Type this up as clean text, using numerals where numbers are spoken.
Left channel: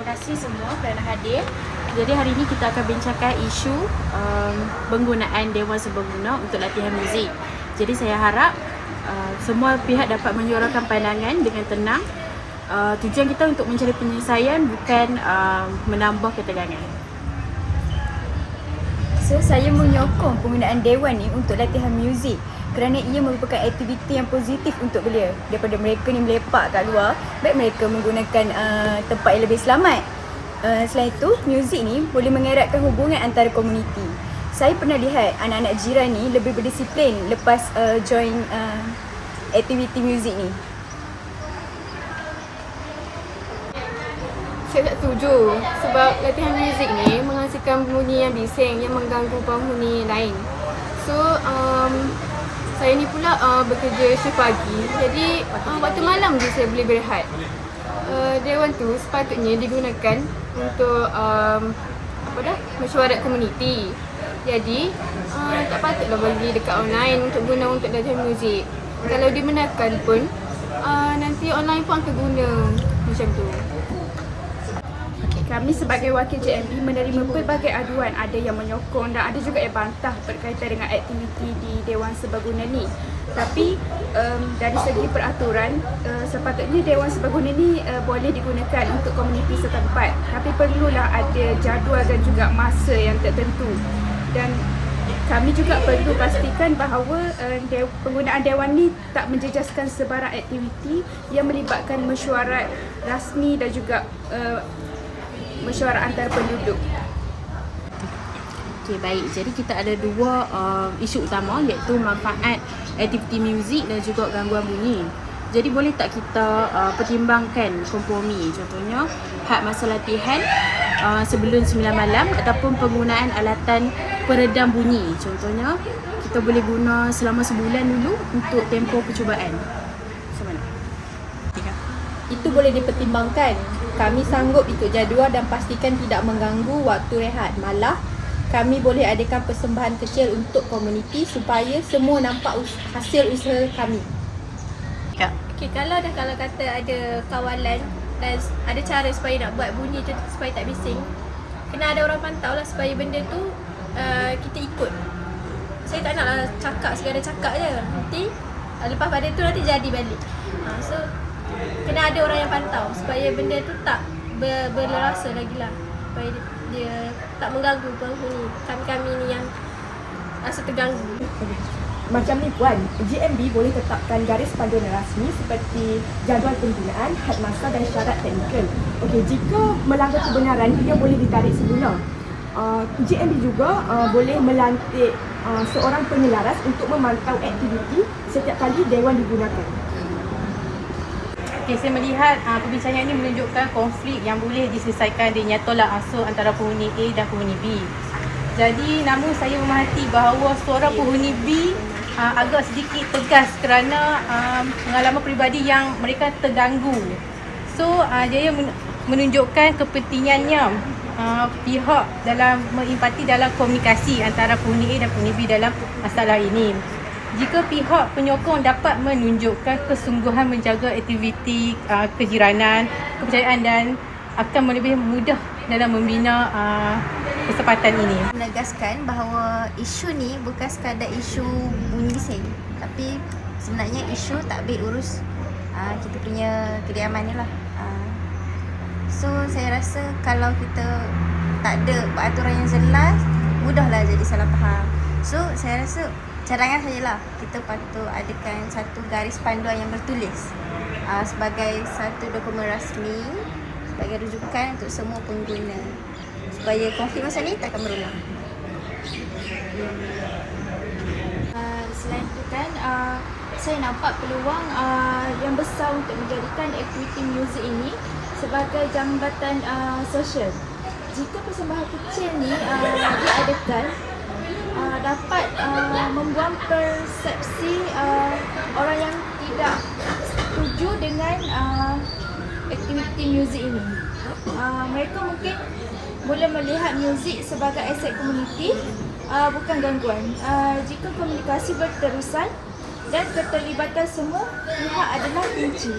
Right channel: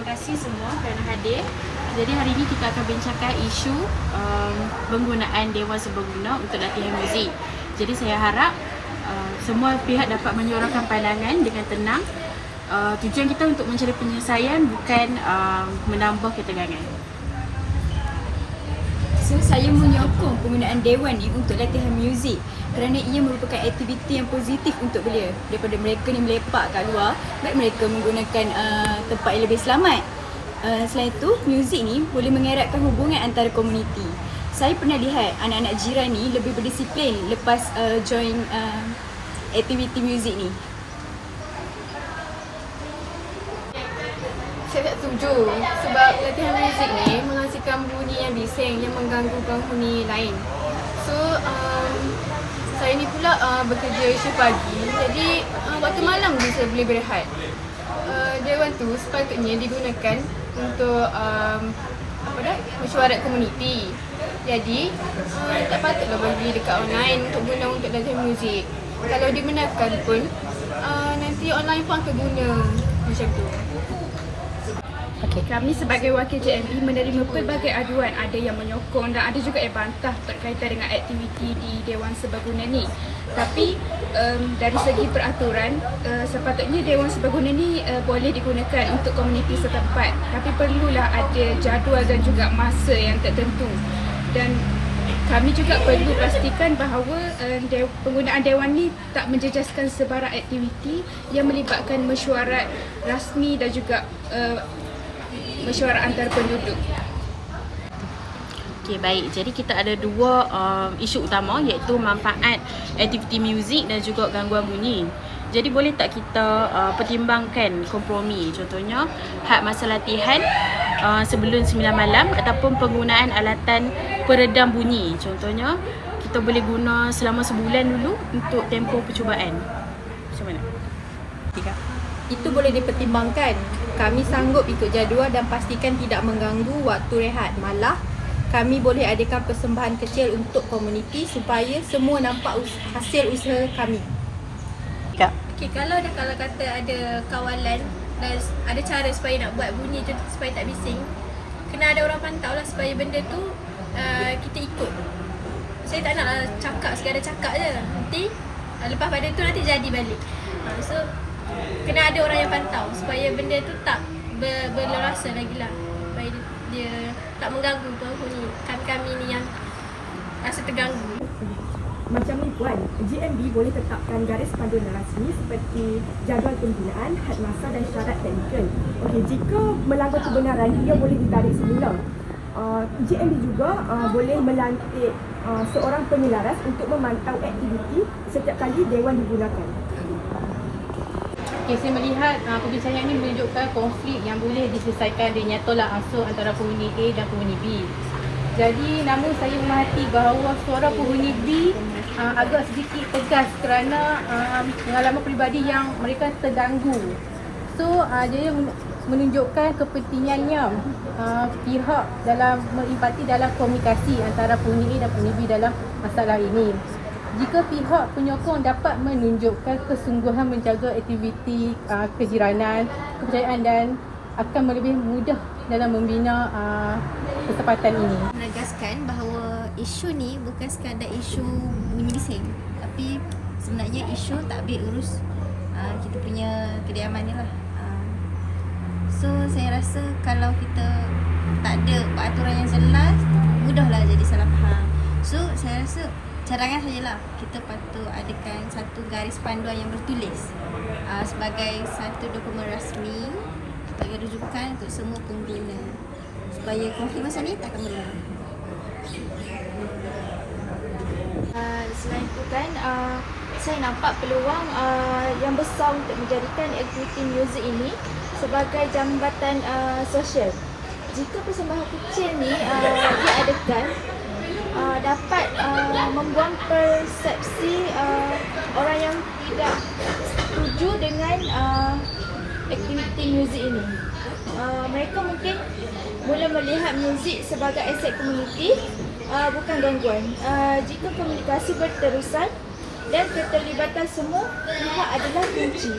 terima kasih semua kerana hadir. Jadi hari ini kita akan bincangkan isu penggunaan Dewan Serbaguna untuk latihan muzik. Jadi saya harap semua pihak dapat menyuarakan pandangan dengan tenang. Tujuan kita untuk mencari penyelesaian, bukan menambah ketegangan. So, saya menyokong penggunaan Dewan ni untuk latihan muzik kerana ia merupakan aktiviti yang positif untuk belia. Daripada mereka ni melepak kat luar, baik mereka menggunakan tempat yang lebih selamat. Selain itu, muzik ni boleh mengeratkan hubungan antara komuniti. Saya pernah lihat anak-anak jiran ni lebih berdisiplin lepas join aktiviti muzik ni. Saya tak setuju sebab latihan muzik ni menghasilkan bunyi yang bising yang mengganggu penghuni lain. So, saya ni pula bekerja shift pagi, jadi waktu malam je saya boleh berehat. Dewan tu sepatutnya digunakan untuk mesyuarat komuniti. Jadi, tak patutlah bagi dekat online untuk guna untuk latihan muzik. Kalau dibenarkan pun, nanti online pun akan guna macam tu. Kami sebagai wakil JMB menerima pelbagai aduan, ada yang menyokong dan ada juga yang bantah berkaitan dengan aktiviti di Dewan Serbaguna ni. Tapi dari segi peraturan, sepatutnya Dewan Serbaguna ni boleh digunakan untuk komuniti setempat. Tapi perlulah ada jadual dan juga masa yang tertentu. Dan kami juga perlu pastikan bahawa penggunaan Dewan ni tak menjejaskan sebarang aktiviti yang melibatkan mesyuarat rasmi dan juga mesyuarat antara penduduk. Okey, baik. Jadi kita ada dua isu utama, iaitu manfaat aktiviti muzik dan juga gangguan bunyi. Jadi boleh tak kita pertimbangkan kompromi, contohnya hak masa latihan sebelum 9 malam ataupun penggunaan alatan peredam bunyi. Contohnya kita boleh guna selama sebulan dulu untuk tempoh percubaan. Macam mana? Itu boleh dipertimbangkan. Kami sanggup ikut jadual dan pastikan tidak mengganggu waktu rehat. Malah, kami boleh adakan persembahan kecil untuk komuniti supaya semua nampak hasil usaha kami. Okay, kalau kata ada kawalan dan ada cara supaya nak buat bunyi tu supaya tak bising, kena ada orang pantau lah supaya benda tu kita ikut. Saya tak nak cakap sekadar cakap je. Nanti lepas pada tu nanti jadi balik. So kena ada orang yang pantau supaya benda tu tak berlerasa lagi lah, supaya dia tak mengganggu penghuni kami ni yang rasa terganggu. Macam ni Puan, GMB boleh tetapkan garis panduan rasmi seperti jadual penggunaan, had masa dan syarat teknikal. Okey, jika melanggar kebenaran, ia boleh ditarik semula. GMB juga boleh melantik seorang penyelaras untuk memantau aktiviti setiap kali Dewan digunakan. Okay, saya melihat perbincangan ini menunjukkan konflik yang boleh diselesaikan dengan tolak ansur antara penghuni A dan penghuni B. Jadi namun saya memerhati bahawa suara penghuni B agak sedikit tegas kerana pengalaman peribadi yang mereka terganggu. So dia menunjukkan kepentingannya pihak dalam mengempati dalam komunikasi antara penghuni A dan penghuni B dalam masalah ini. Jika pihak penyokong dapat menunjukkan kesungguhan menjaga aktiviti kejiranan, kepercayaan dan akan lebih mudah dalam membina kesempatan ini. Menegaskan bahawa isu ni bukan sekadar isu bunyi bising, tapi sebenarnya isu takbir urus kita punya kediaman ni lah. So saya rasa kalau kita tak ada peraturan yang jelas, mudahlah jadi salah faham. So saya rasa cadangan sajalah, kita patut adakan satu garis panduan yang bertulis sebagai satu dokumen rasmi, sebagai rujukan untuk semua pengguna supaya konflik masa ni tak akan berulang. Selain itu kan, saya nampak peluang yang besar untuk menjadikan aktiviti muzik ini sebagai jambatan sosial. Jika persembahan kecil ni diadakan, dapat membuang persepsi orang yang tidak setuju dengan aktiviti muzik ini. Mereka mungkin boleh melihat muzik sebagai aset komuniti, bukan gangguan. Jika komunikasi berterusan dan keterlibatan semua pihak adalah kunci.